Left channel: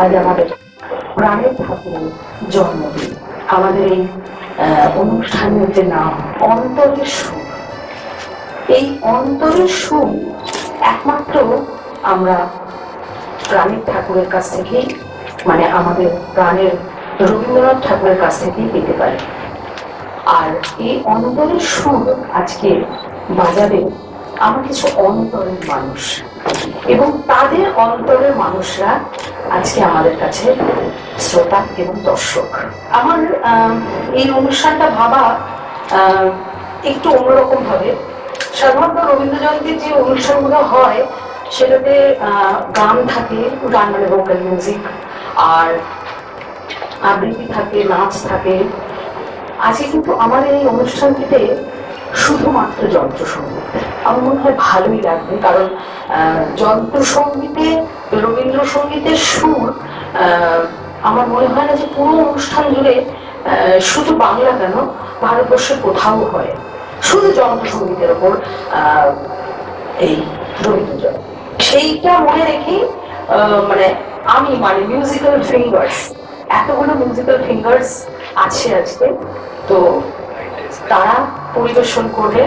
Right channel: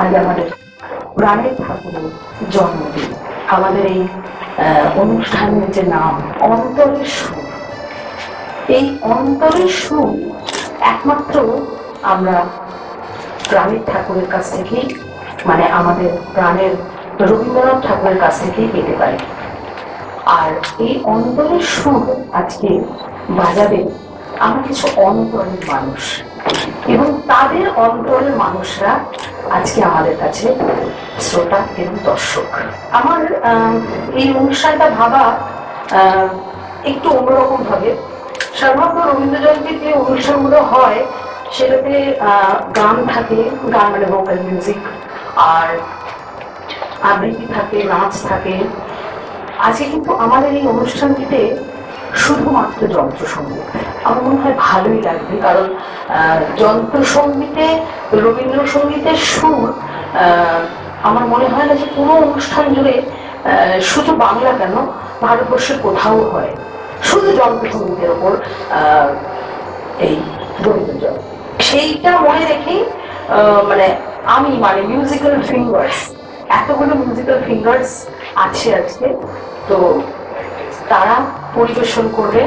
আজ আমাদের প্রাণের ঠাকুরের জন্মদিন। আমাদের এই অনুষ্ঠানের যে নাম অন্তরের সুর, এই অন্তরের সুর একমাত্র আমরা প্রাণের ঠাকুরের কাছ থেকেই, মানে আমাদের প্রাণের রবীন্দ্রনাথ ঠাকুরের কাছ থেকেই পেতে পারি। আর এই অন্তরের সুর আজকে বাজাবে আমার কিছু অন্তরের মানুষ, এবং তাদের অন্তরের মানুষরা আজকে আমাদের কাছে শ্রোতা এবং দর্শক। আমার এই অনুষ্ঠানটা ভাবা একটু অন্যরকম ভাবে। সাধারণত রবীন্দ্র জয়ন্তীর যে অনুষ্ঠানগুলো হয় সেটাতে গান থাকে, গান মানে ভোকাল মিউজিক, আর আবৃত্তি থাকে, নাচ থাকে। আজকে কিন্তু আমাদের এই অনুষ্ঠানটিতে শুধুমাত্র যন্ত্রসঙ্গীত। আমার মনে হয় ভালোই লাগবে, কারণ যন্ত্রসঙ্গীতে রবীন্দ্রসঙ্গীতের সুর আমার মনে হয় না যে কোনো অনুষ্ঠান জুড়ে, শুধু বাংলা কেন ভারতবর্ষের কোথাও হয় শুধু যন্ত্রসঙ্গীতের ওপর এই রবীন্দ্র জয়ন্তী। সেইটা মনে রেখেই মানে মিউজিক্যাল ফিঙ্গার্স, এতগুলো মিউজিক্যাল ফিঙ্গার্স আছে আজকে, তো তারা পরিবেশন করবে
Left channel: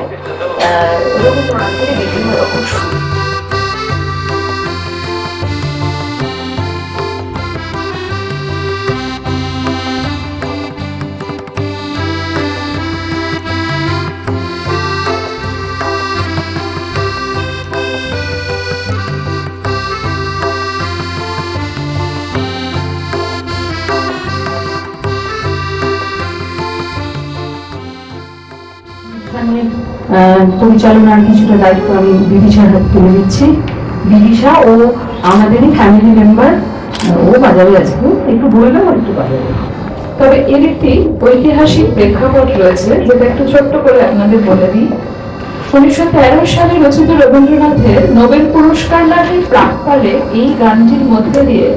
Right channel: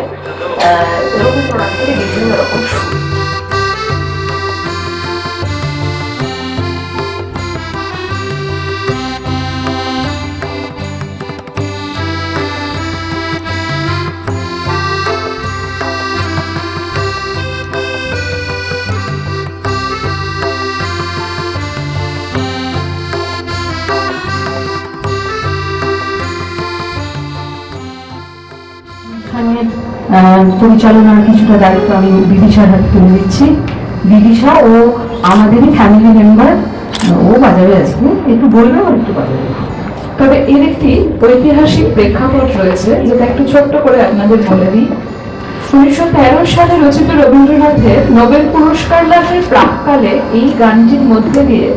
রবীন্দ্রনাথের বিভিন্ন রকম সুর। পরিচালনার কিছুটা দায়িত্ব আমি বিদিশার হাতে তুলে দিচ্ছি। বিদিশা ও আমাদেরই ফ্যামিলি মেম্বার, ও বাজারে আসবে, একটু বললেও একটু বাজাবে। তবে এর একটি ঐতিহাসিক প্রেক্ষাপট রয়েছে, যেটা একটু ছোট্ট করে আপনাদের বলে দিই। 1913 সালে রচিত রবীন্দ্রনাথের নোবেল পুরস্কার লাভের প্রাক্কালে এই গানটির মধ্যে দিয়ে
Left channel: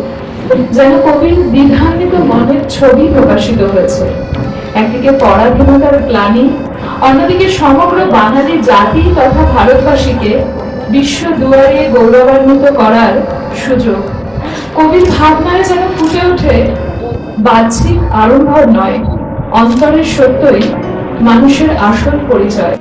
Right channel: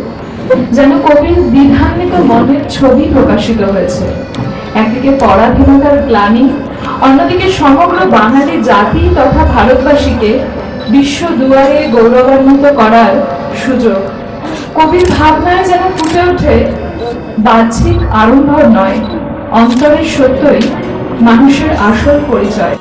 যেন কবির বিধানিত মনের ছবি প্রকাশিত হয়েছে। একদিকে পরাধীনতার গ্লানি, অন্যদিকে সমগ্র বাঙালি জাতি তথা ভারতবাসীকে বিশ্ব দুয়ারে গৌরবান্বিত করার সুযোগ। কবির ভাবনায় যেন ফুটে ওঠে বাহ্যিক আড়ম্বর নয়, অন্তরের সত্যই মানুষের আসল পরিচয়।